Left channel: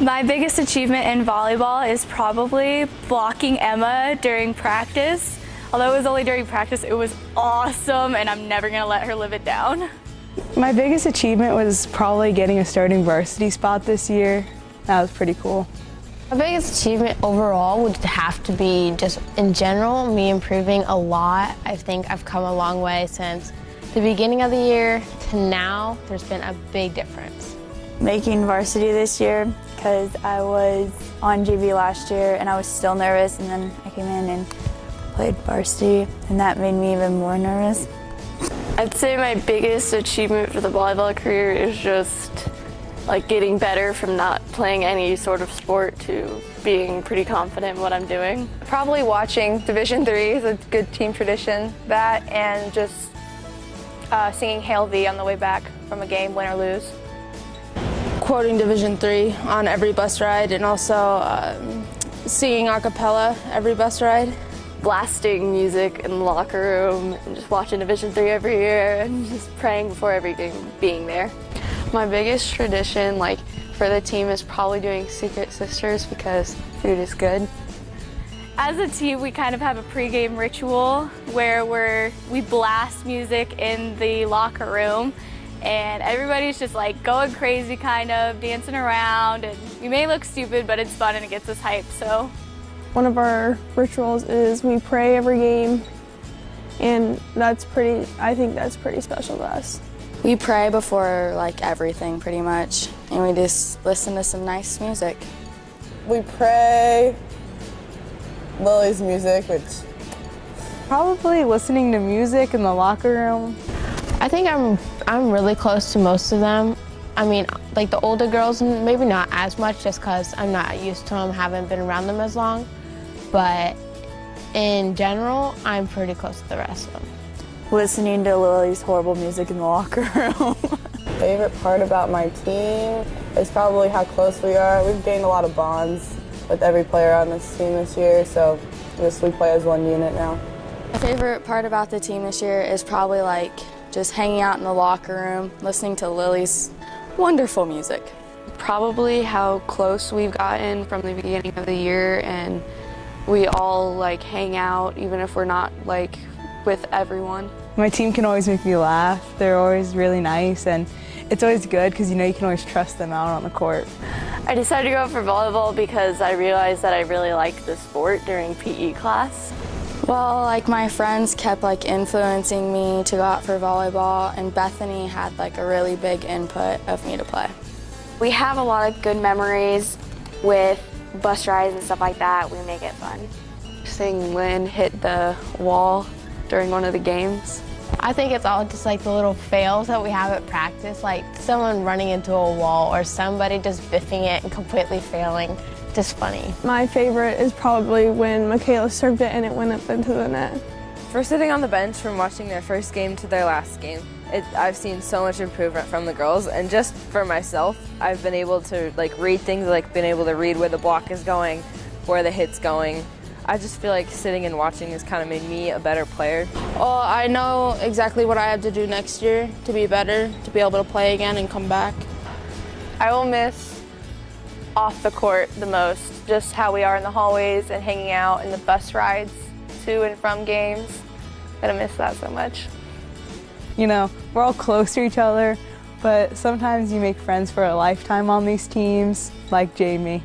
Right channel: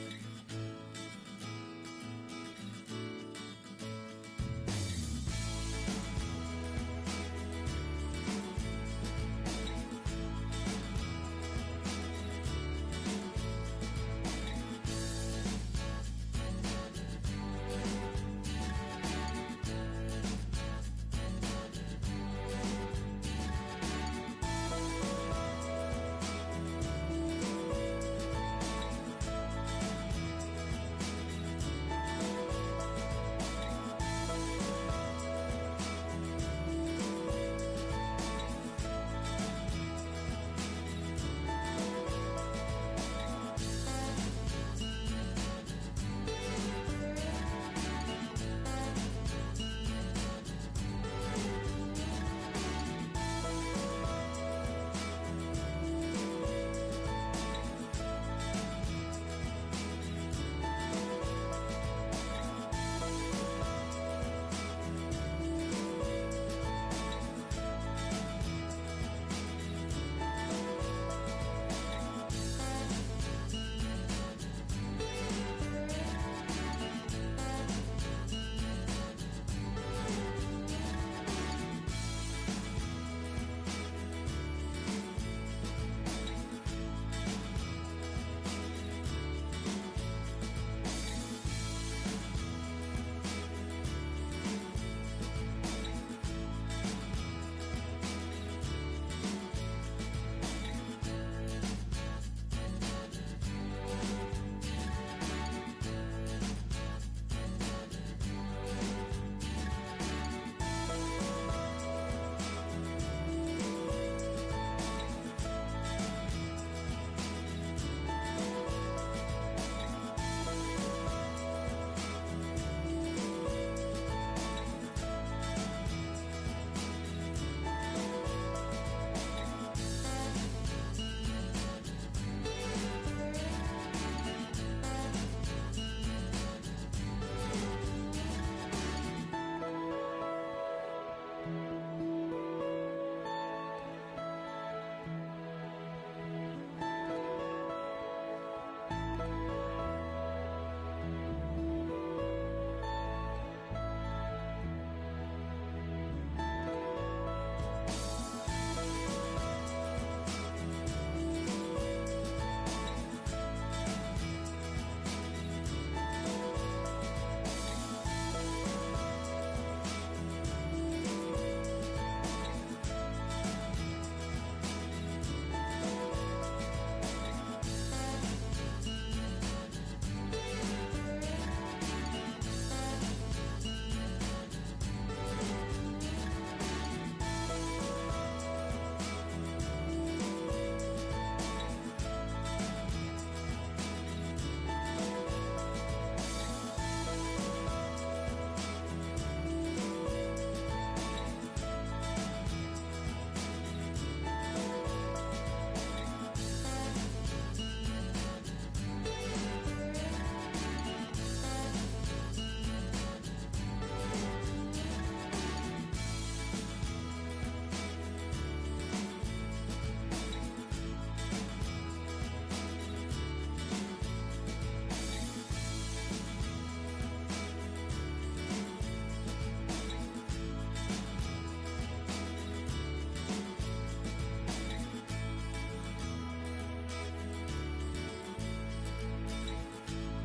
My biggest achievement in volleyball is probably blocking Emma during practice. Although it was only during practice, it was awesome, and I'm never gonna let her live it down. My biggest achievement was probably getting a starting varsity spot this year. That was pretty cool. My biggest achievement overall would have to be just in general, me improving a lot. I think I've come a long way since the beginning of the year to now. There's been a big difference. Making varsity this year because I was on JV last year and I was still nervous, and then I came in and played varsity and that made me even more nervous. I'd say my biggest achievement for the volleyball career is just like getting better from not playing any sort of sport to being pretty confident in what I'm doing. Probably watching Division III is a good team tradition. That and just singing Hail V on the way back from a game, win or lose. Quoting Division III on every bus ride, and also singing a cappella every bus ride. Blasting music in the locker room and just watching Division III every year and just praying before every game being there. My biggest tradition for the team is probably doing Secret Sisters because food is good. As a team, we kind of have a pregame ritual where we blast music in the locker room, and everybody's just like going crazy, kind of dancing around, and we may look stupid, but it's fun and it gets us hyped. So One of our rituals is we pray every game, and I think that's pretty special to us. We pray before everything pretty much, and we just listen to some nice music. We pray Lily's music, which Probably listening to music in the locker room. I think I'm really close to most of them. I mean, the older girls, maybe not as much just because I'm not used to them, haven't been around them as long. But in general, I'm pretty close to the rest of them. Listening to Lily's horrible music in the locker room. favorite part about my team is probably how close we are. We've gained a lot of bonds with every player on this team this year, so we play as one unit now. My favorite part about the team this year is probably just hanging out in the locker room, listening to Lily's wonderful music. Probably how close we've gotten from the beginning of the year, and we all hang out even if we're not with everyone. My team can always make me laugh. They're always really nice, and it's always good because you can always trust them out on the court. I decided to go for volleyball because I realized that I really liked the sport during PE class. Well, my friends kept influencing me to go out for volleyball, and Bethany had a really big input of me to play. We have a lot of good memories with bus rides and stuff like that. We make it fun. Seeing Lynn hit the wall during one of the games. I think it's all just the little fails that we have at practice, someone running into a wall or somebody just biffing it and completely failing. Just funny. My favorite is probably when Michaela served it and it went up into the net. For sitting on the bench from watching their first game to their last game, I've seen so much improvement from the girls, and just for myself, I've been able to read things, been able to read where the block is going, where the hit's going. I just feel sitting and watching has kind of made me a better player. Well, I know exactly what I have to do next year to be better, to be able to play again and come back. I will miss off the court the most, just how we are in the hallways and hanging out in the bus rides to and from games. I'm gonna miss that so much. We're all close to each other, but sometimes you make friends for a lifetime on these teams, like Jamie.